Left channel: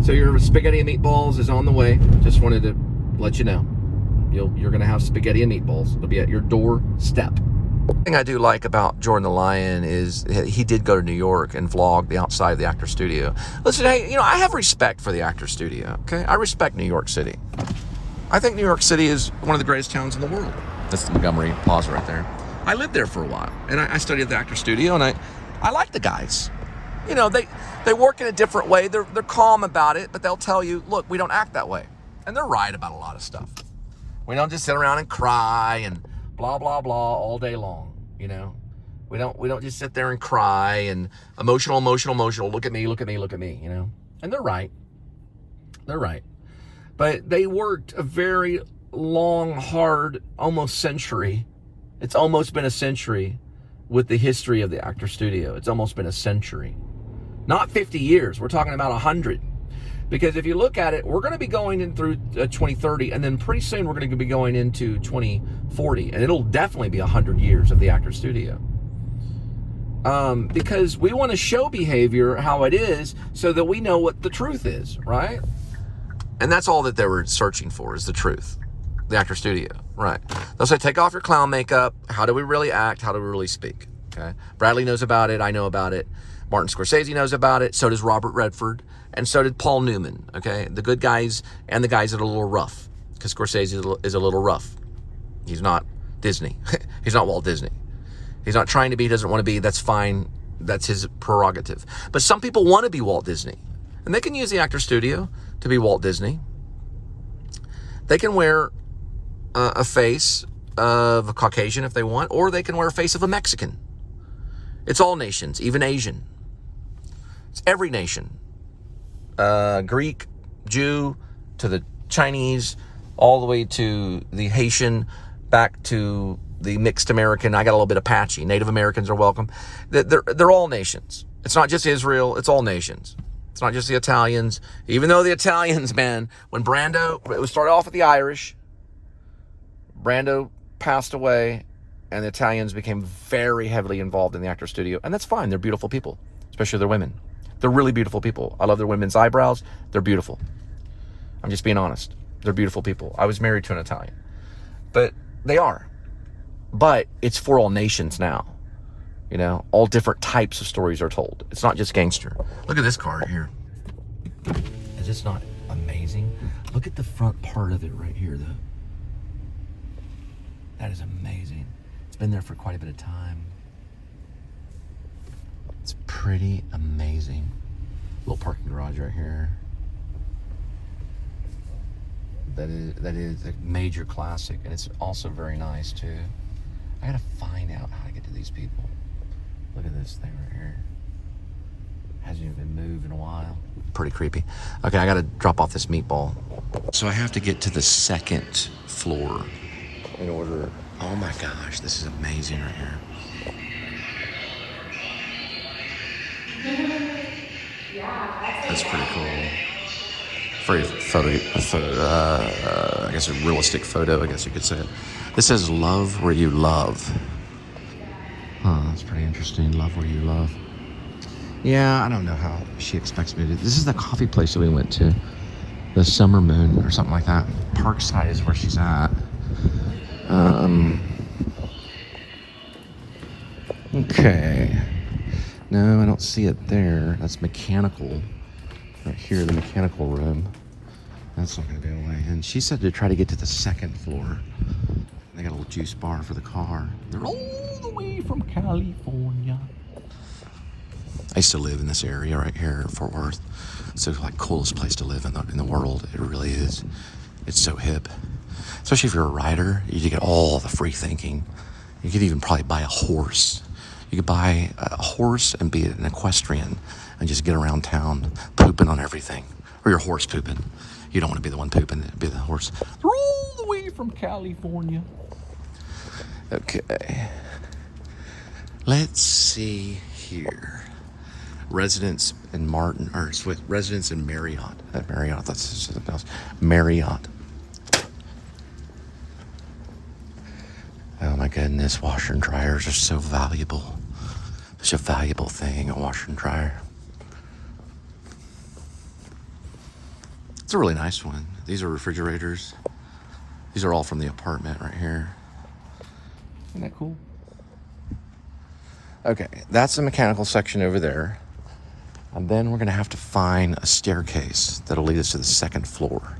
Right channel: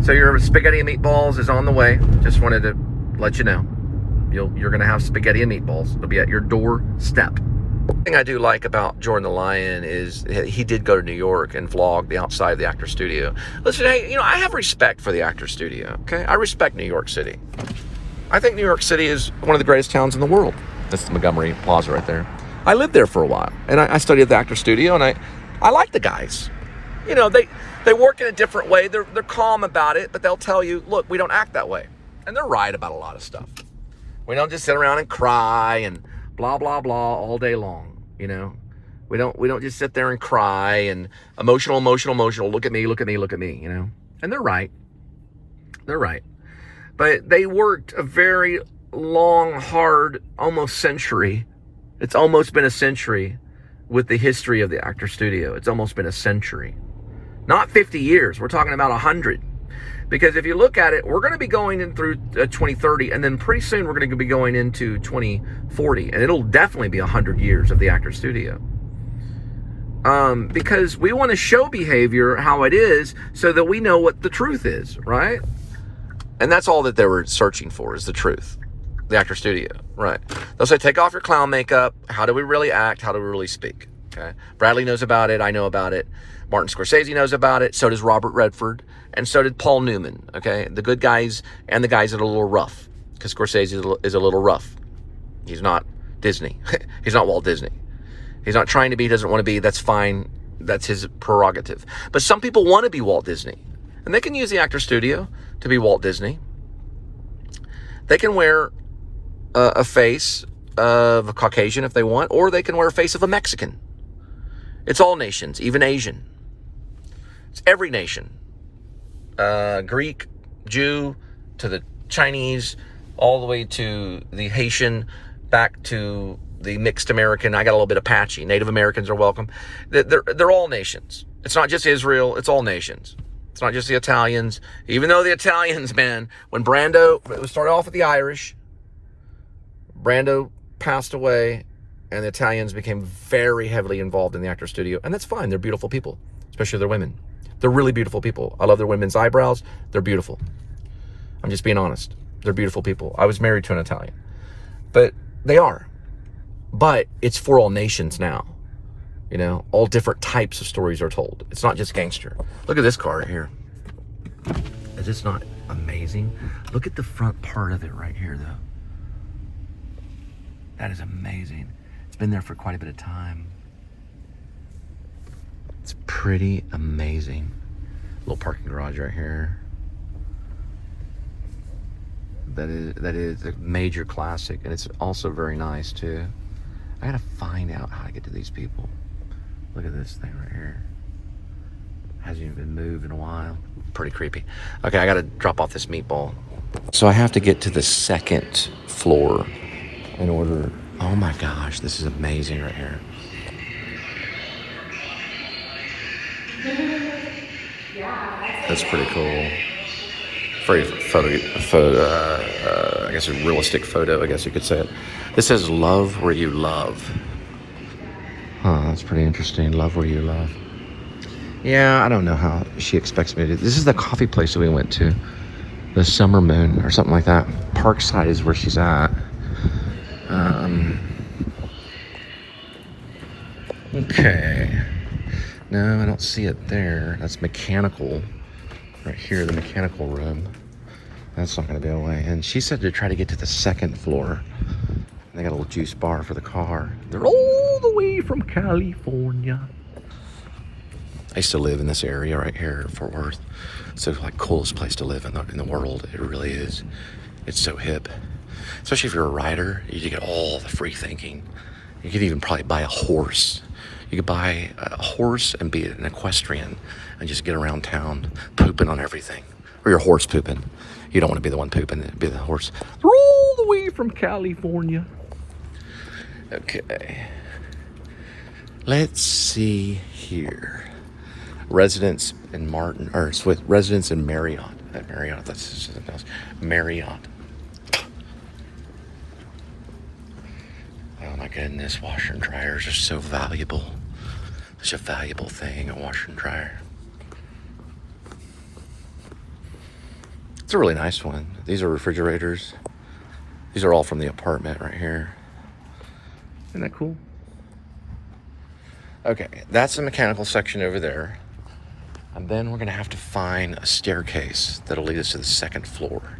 So your spaghetti and meatballs is on the way. Just wanted to let you know. You're going to have spaghetti and meatballs. It'll be at your doorstep. The thing I do like about Jordan the Lion is he did go to New York and vlog the outside of the actor studio. Listen, hey, I have respect for the actor studio, okay? I respect New York City. I think New York City is one of the greatest towns in the world. That's the Montgomery Plaza right there. I lived there for a while, and I studied at the actor studio, and I like the guys. They work in a different way. They're calm about it, but they'll tell you, look, we don't act that way. And they're right about a lot of stuff. We don't just sit around and cry and blah, blah, blah all day long, We don't just sit there and cry and emotional, look at me, And they're right. They're right. But they worked a very long, hard, almost century. It's almost been a century with the history of the actor studio. It's almost been a century. Not 50 years. We're talking about 100. Because if you look at it, we're going to be going in through 2030, and then pretty soon we're going to be going into 2040, and it'll definitely be 100 years of the actor studio. Because we want to show behavior how it is so that we know what the truth is, right? And that's all that they were searching for, is the truth. The actor studio, right? They'll say, take off your clown makeup. How do we really act? How do we really speak? Okay. Bradley knows about it. I know about it. Martin Scorsese knows about it. So does Robert Redford. And so did Paul Newman, okay? The good guys and the guys that are a little rough. Because Scorsese is a little rough. He's not Disney. He's not Walt Disney. He's not trying to be, he doesn't want to be. That's fine. That's his prerogative. But some people want to be Walt Disney. And they can use the actor studio to be Walt Disney. They can wear a face of a Caucasian if they want, or they can wear a face of a Mexican. It's all nations, even Asian. It's every nation. Greek, Jew, to the Chinese, all the way to the Haitian, back to the mixed American. I got a little bit of Apache. Native Americans are welcome. They're all nations. It's not just Israel. It's all nations. It's not just the Italians. Even though the Italians, man, when it started off with the Irish, Brando passed away, and the Italians became very heavily involved in the actor studio. And that's fine. They're beautiful people, especially their women. They're really beautiful people. I love their women's eyebrows. They're beautiful. I'm just being honest. They're beautiful people. I was married to an Italian. But they are. But it's for all nations now. All different types of stories are told. It's not just gangster. Look at this car right here. Is this not amazing? Look at the front part of it right here, though. That is amazing. It's been there for quite a bit of time. It's pretty amazing. Little parking garage right here. That is a major classic, and it's also very nice too. I gotta find out how to get to these people. Look at this thing right here. Hasn't even been moved in a while. Pretty creepy. Okay, I gotta drop off this meatball. So I have to get to the second floor in order to... Oh my gosh, this is amazing right here. That's pretty cool. Very I guess a realistic photo, I guess you could say it. This says love where you love. Huh, that's pretty interesting. Love where you love. Yeah, I don't know how she expects me to do. This is the coffee place that we went to. The Summer Moon or something like that. Parkside is where she's at. Okay. No, I don't see it there. That's mechanical. Right here, the mechanical room. That's not going to be a way. And she said to try to get to the second floor. They got a little juice bar for the car. They're all the way from California. I used to live in this area right here in Fort Worth. So it's like coolest place to live in the world. It really is. It's so hip. Especially if you're a rider, you get all the free thinking. You could even probably buy a horse. You could buy a horse and be an equestrian and just get around town pooping on everything. Or your horse pooping. You don't want to be the one pooping, be the horse. They're all the way from California. Okay. Let's see here. Residence in residence in Marriott. Marriott, that's something else. Marriott. Oh my goodness, washer and dryers are so valuable. Such a valuable thing, a washer and dryer. It's a really nice one. These are refrigerators. These are all from the apartment right here. Isn't that cool? Okay, that's the mechanical section over there. And then we're gonna have to find a staircase that'll lead us to the second floor.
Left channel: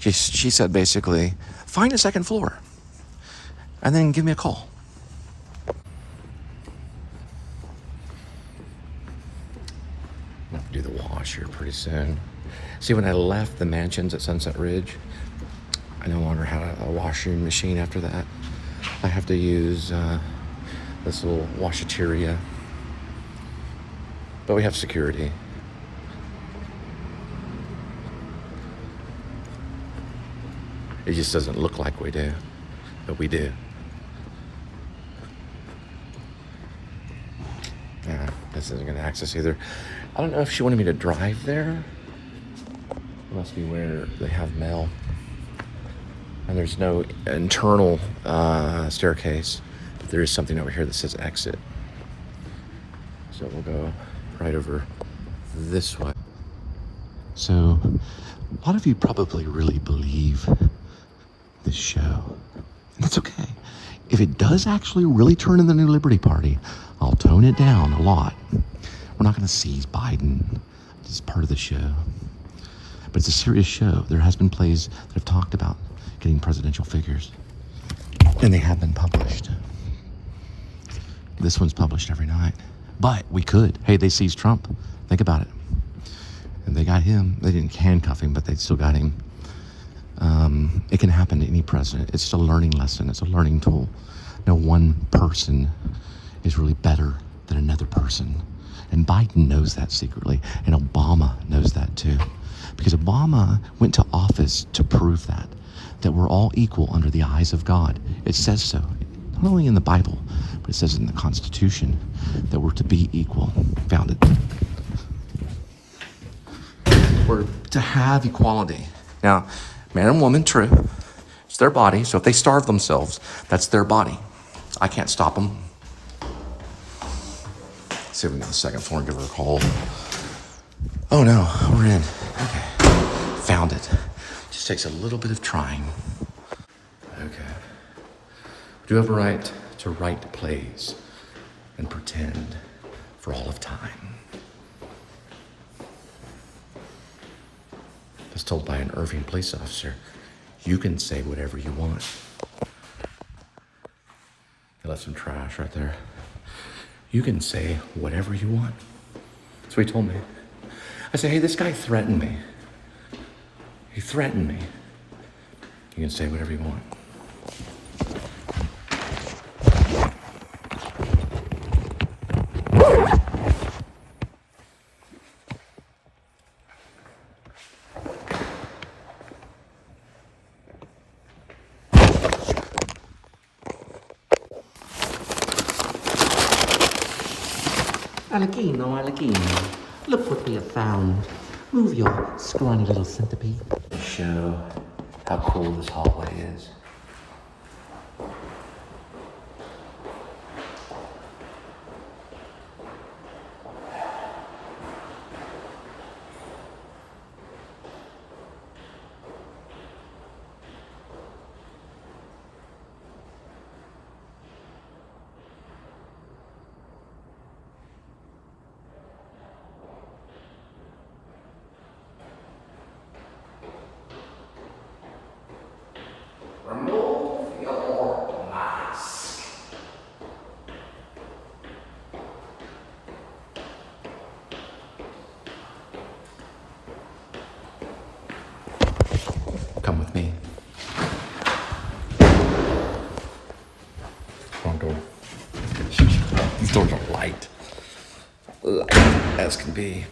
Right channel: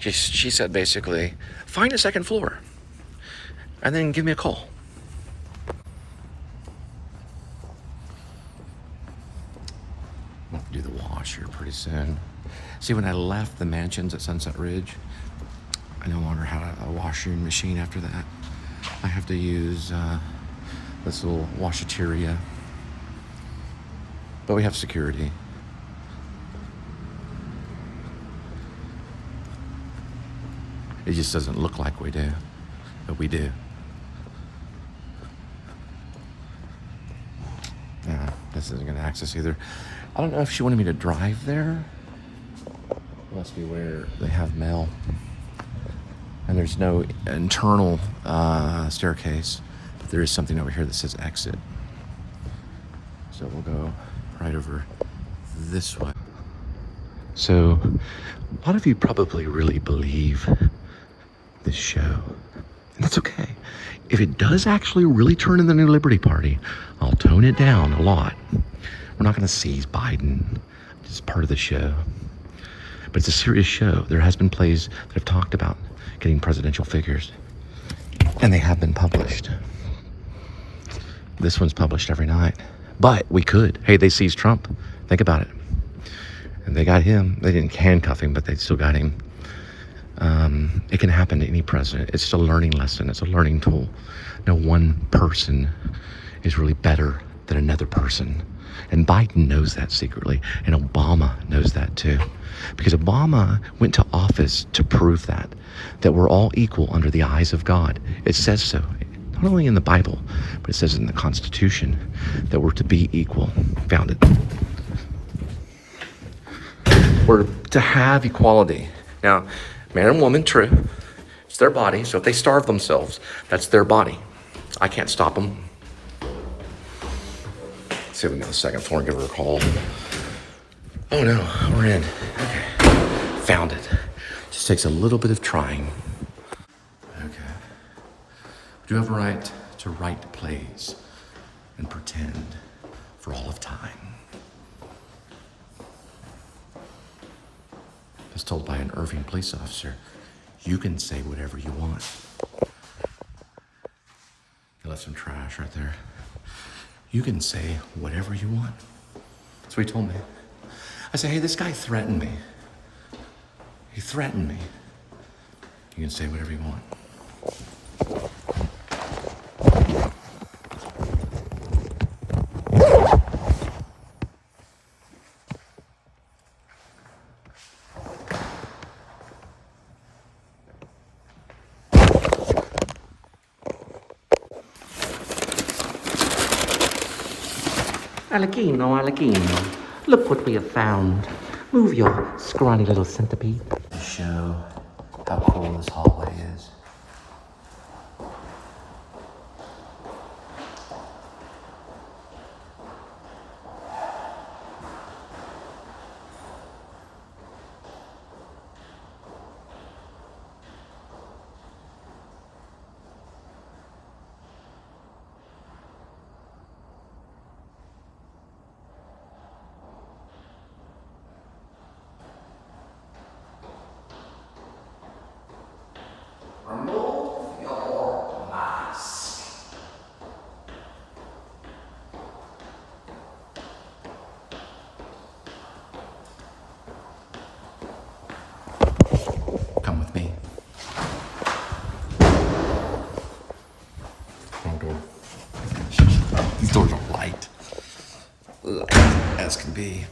She said basically, find a second floor and then give me a call. I'll have to do the wash here pretty soon. See, when I left the mansions at Sunset Ridge, I no longer have a washing machine after that. I have to use this little washateria. But we have security. It just doesn't look like we do, but we do. Yeah, this isn't gonna access either. I don't know if she wanted me to drive there. Must be where they have mail. And there's no internal staircase, but there is something over here that says exit. So we'll go right over this way. So a lot of you probably really believe this show, and that's okay. If it does actually really turn in the New Liberty Party, I'll tone it down a lot. We're not gonna seize Biden. It's part of the show. But it's a serious show. There has been plays that have talked about getting presidential figures, and they have been published. This one's published every night. But we could. Hey, they seized Trump. Think about it. And they got him. They didn't handcuff him, but they still got him. It can happen to any president. It's just a learning lesson. It's a learning tool. No one person is really better than another person. And Biden knows that secretly. And Obama knows that too. Because Obama went to office to prove that we're all equal under the eyes of God. It says so. Not only in the Bible, but it says in the Constitution that we're to be equal. Found it. We're to have equality. Now, man and woman, true. It's their body. So if they starve themselves, that's their body. I can't stop them. Let's see if we can go to the second floor and give her a call. Oh no, we're in. Okay, found it. Just takes a little bit of trying. Okay. We do have a right to write plays and pretend for all of time. I was told by an Irving police officer, you can say whatever you want. I left some trash right there. You can say whatever you want. That's what he told me. I said, hey, this guy threatened me. He threatened me. You can say whatever you want. Alakino. Look what we have found. Move your scrawny little centipede. To show how cool this hallway is. Remove your mask. Come with me. Wrong door. These doors are light. As can be.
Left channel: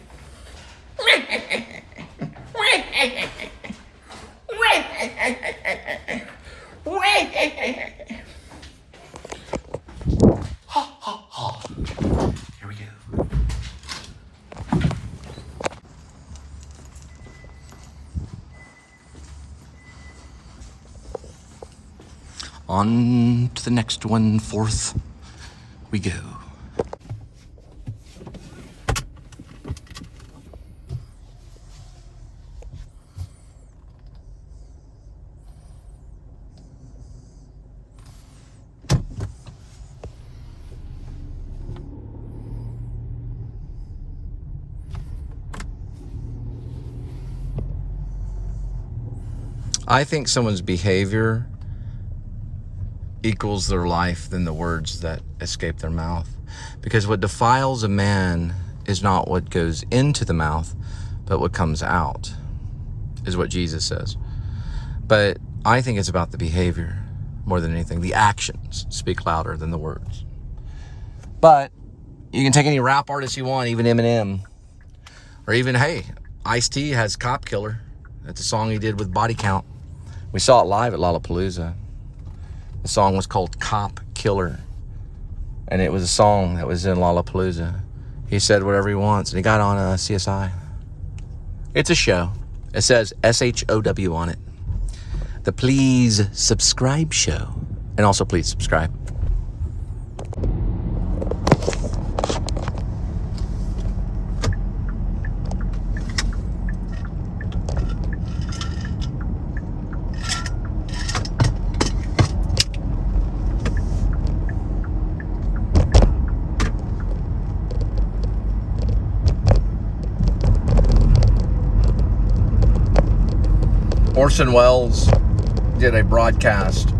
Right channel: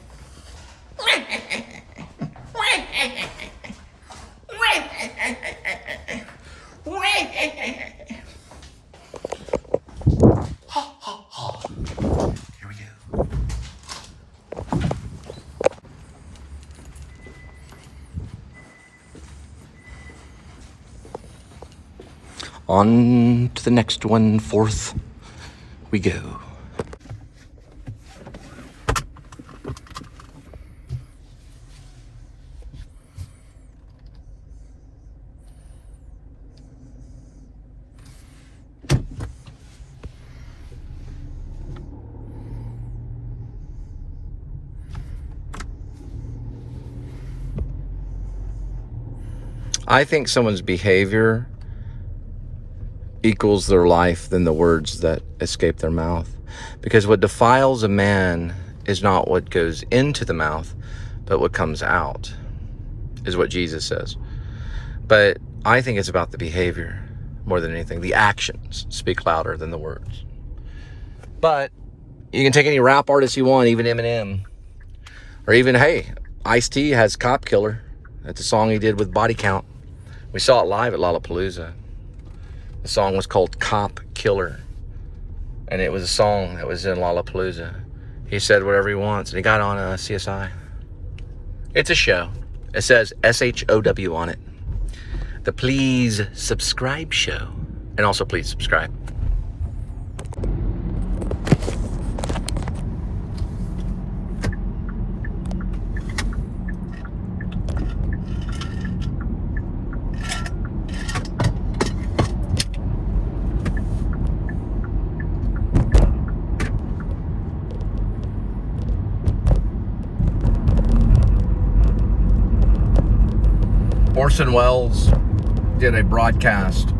Here we go. On to the next one, fourth we go. I think someone's behavior equals their life than the words that escape their mouth. Because what defiles a man is not what goes into the mouth, but what comes out, is what Jesus says. But I think it's about the behavior more than anything. The actions speak louder than the words. But you can take any rap artist you want, even Eminem. Or even, hey, Ice-T has Cop Killer. That's a song he did with Body Count. We saw it live at Lollapalooza. The song was called Cop Killer. And it was a song that was in Lollapalooza. He said whatever he wants, and he got on CSI. It's a show. It says SHOW on it. The Please Subscribe Show. And also please subscribe. Orson Welles did a broadcast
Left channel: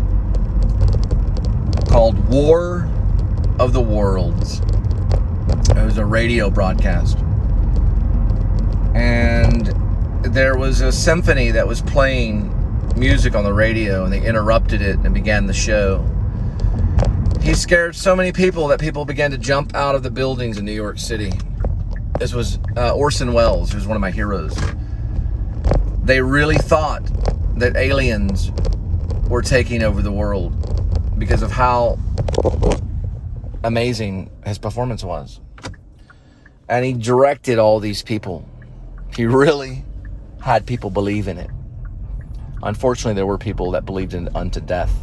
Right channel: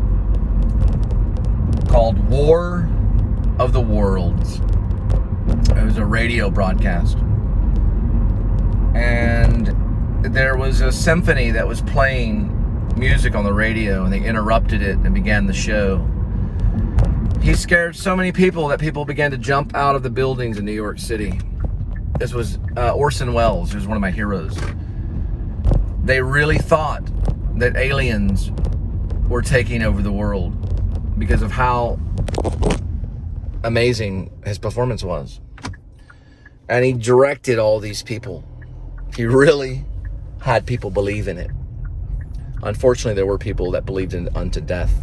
called War of the Worlds. It was a radio broadcast. And there was a symphony that was playing music on the radio, and they interrupted it and began the show. He scared so many people that people began to jump out of the buildings in New York City. This was Orson Welles, who's one of my heroes. They really thought that aliens were taking over the world because of how amazing his performance was. And he directed all these people. He really had people believe in it. Unfortunately, there were people that believed in it unto death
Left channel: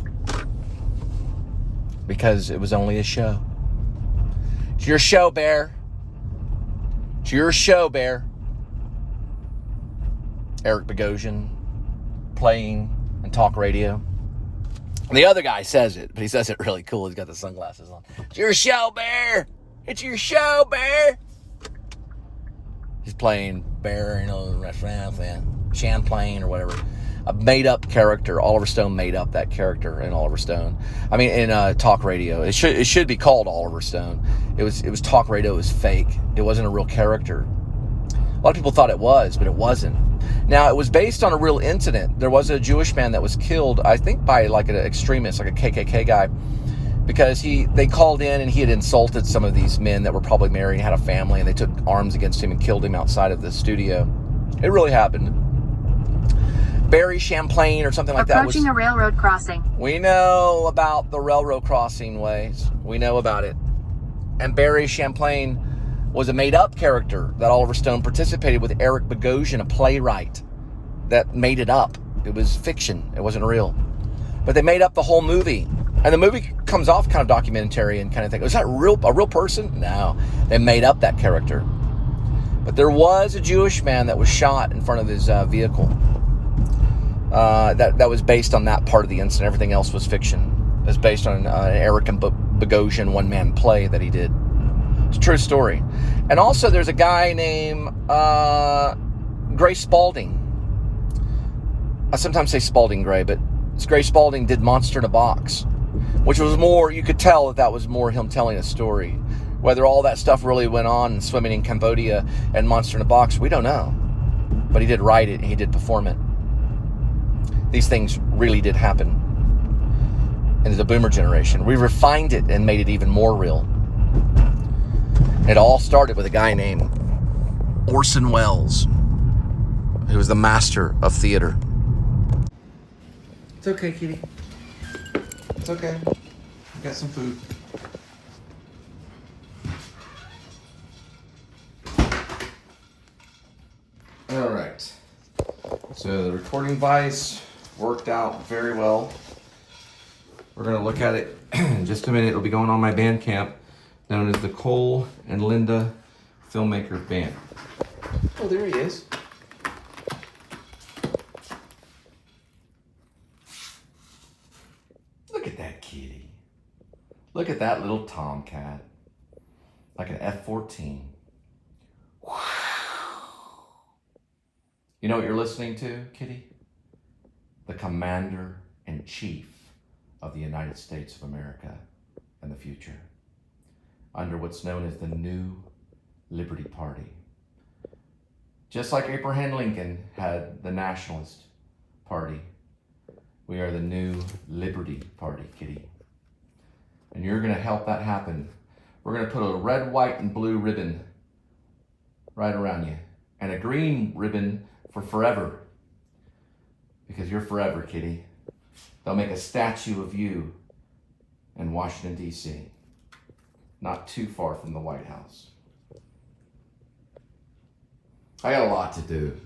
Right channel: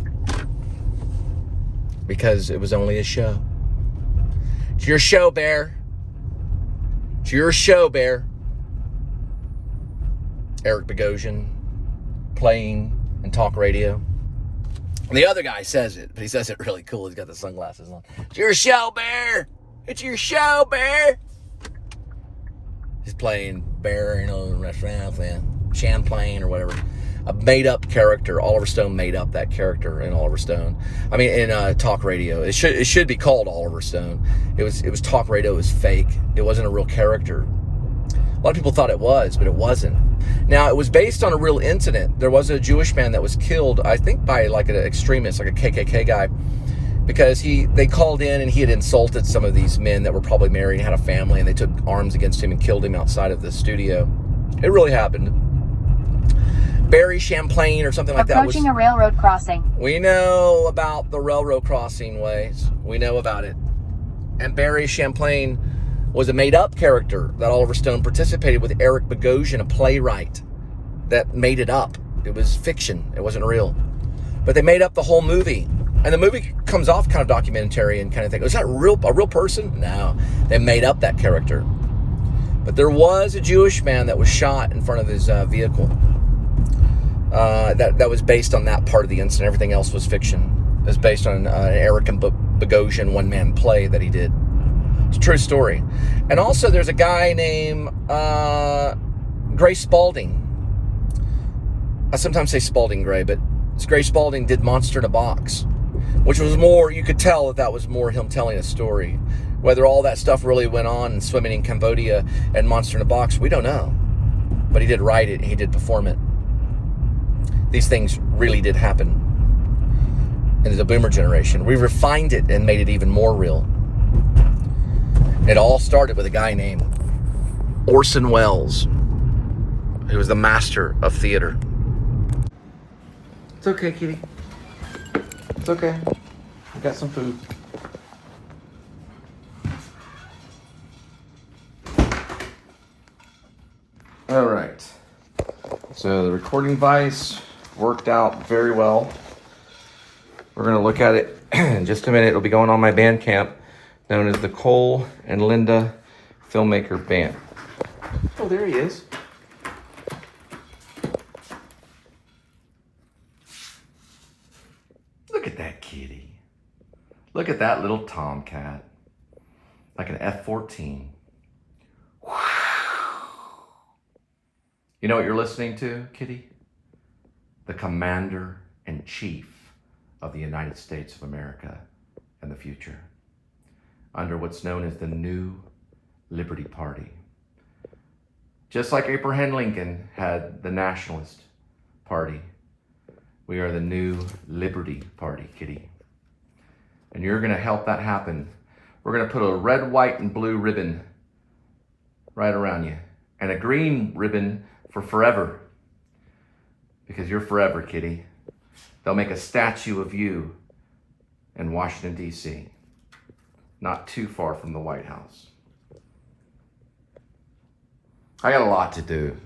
because it was only a show. It's your show, Bear. It's your show, Bear. Eric Bogosian playing and talk radio. And the other guy says it, but he says it really cool. He's got the sunglasses on. It's your show, Bear. It's your show, Bear. He's playing Bear in a restaurant, Champlain or whatever. A made-up character. Oliver Stone made up that character in Oliver Stone. I mean, in talk radio. It should be called Oliver Stone. It was talk radio. It was fake. It wasn't a real character. A lot of people thought it was, but it wasn't. Now, it was based on a real incident. There was a Jewish man that was killed, I think, by like an extremist, like a KKK guy, because they called in and he had insulted some of these men that were probably married and had a family, and they took arms against him and killed him outside of the studio. It really happened. Barry Champlain or something like that. Approaching a railroad crossing. We know about the railroad crossing ways. We know about it. And Barry Champlain was a made-up character that Oliver Stone participated with Eric Bogosian, a playwright, that made it up. It was fiction. It wasn't real. But they made up the whole movie. And the movie comes off kind of documentary and kind of think, was that a real person? No. They made up that character. But there was a Jewish man that was shot in front of his vehicle. That was based on that part of the incident. Everything else was fiction. It was based on an Eric Bogosian one-man play that he did. It's a true story. And also there's a guy named Gray Spalding. I sometimes say Spalding Gray, but it's Gray Spalding did Monster in a Box, which was more, you could tell that was more him telling a story. Whether all that stuff really went on and swimming in Cambodia and Monster in a Box, we don't know. But he did write it and he did perform it. These things really did happen in the boomer generation. We refined it and made it even more real. It all started with a guy named Orson Welles, who was the master of theater. It's okay, kitty. It's okay. I got some food. All right. So the recording device worked out very well. We're going to look at it in just a minute. It'll be going on my Bandcamp, known as the Cole and Linda Filmmaker Band. Oh, there he is. Look at that kitty. Look at that little tomcat. Like an F-14. Wow. You know what you're listening to, kitty? the Commander-in-Chief of the United States of America in the future, under what's known as the New Liberty Party. Just like Abraham Lincoln had the Nationalist Party, we are the New Liberty Party, kitty. And you're gonna help that happen. We're gonna put a red, white, and blue ribbon right around you, and a green ribbon for forever, because you're forever, kitty. They'll make a statue of you in Washington, D.C., not too far from the White House. I got a lot to do.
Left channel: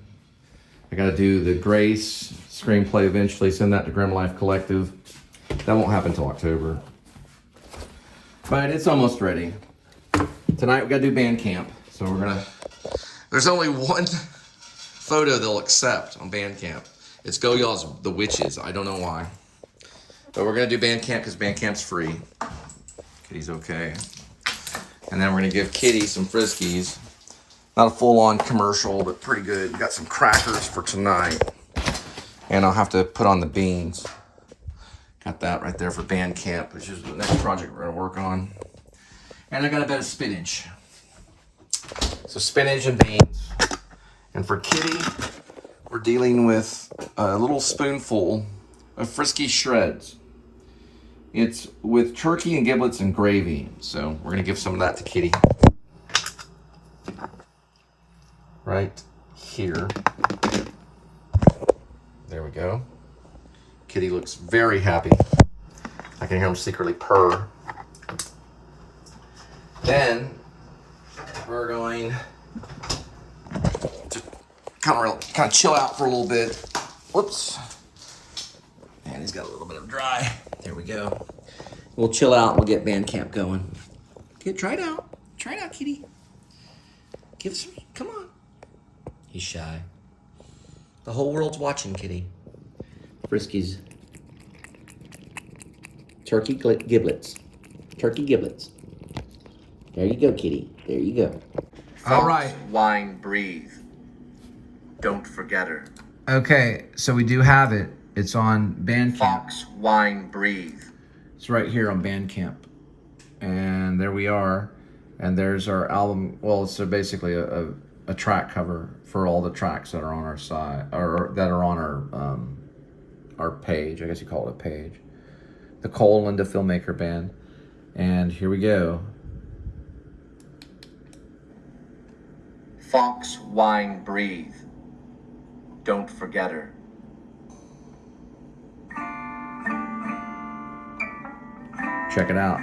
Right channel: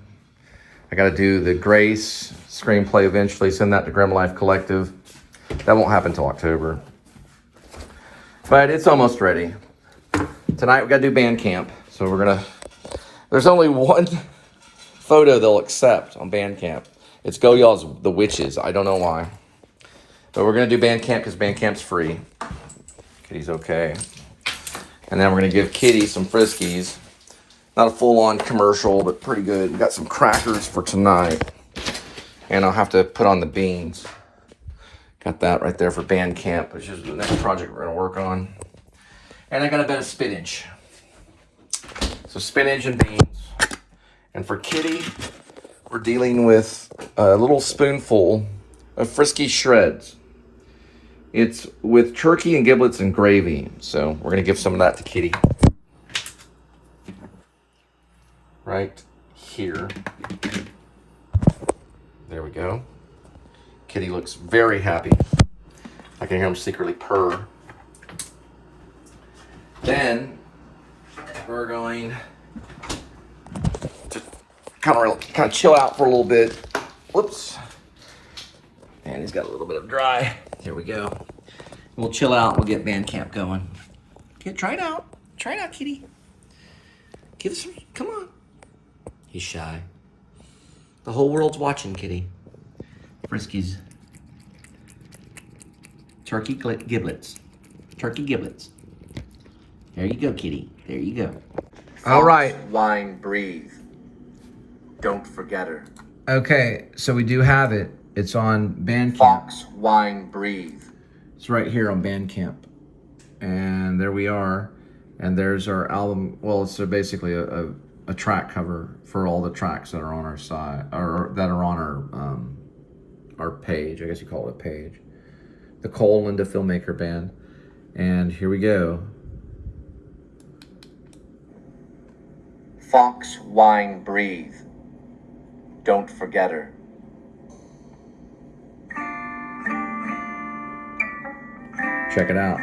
I got to do the Grace screenplay eventually, send that to Grim Life Collective. That won't happen until October. But it's almost ready. Tonight we got to do Bandcamp. So we're going to... There's only one photo they'll accept on Bandcamp. It's Go Y'all's The Witches. I don't know why. But we're going to do Bandcamp because Bandcamp's free. Kitty's okay. And then we're going to give Kitty some Friskies. Not a full-on commercial, but pretty good. We got some crackers for tonight. And I'll have to put on the beans. Got that right there for Bandcamp, which is the next project we're going to work on. And I got a bit of spinach. So spinach and beans. And for Kitty, we're dealing with a little spoonful of Frisky Shreds. It's with turkey and giblets and gravy. So we're going to give some of that to Kitty. Right here. There we go. Kitty looks very happy. I can hear him secretly purr. Then we're going to kind of chill out for a little bit. Whoops. And he's got a little bit of dry. There we go. We'll chill out and we'll get Bandcamp going. Okay, try it out. Try it out, Kitty. Give us some, come on. He's shy. The whole world's watching, Kitty. Friskies. Turkey giblets. Turkey giblets. There you go, Kitty. There you go. All right. Wine, breathe. Don't forget her. Okay, so we do have it. It's on Bandcamp. Fox, wine, breathe. It's right here on Bandcamp. And there we are. And there's our album. Well, it's basically a track cover for all the tracks that are on our side, or that are on our page. I guess you call it a page. The Cole Linda Filmmaker Band. And here we go. Fox, wine, breathe. Don't forget her. Check it out.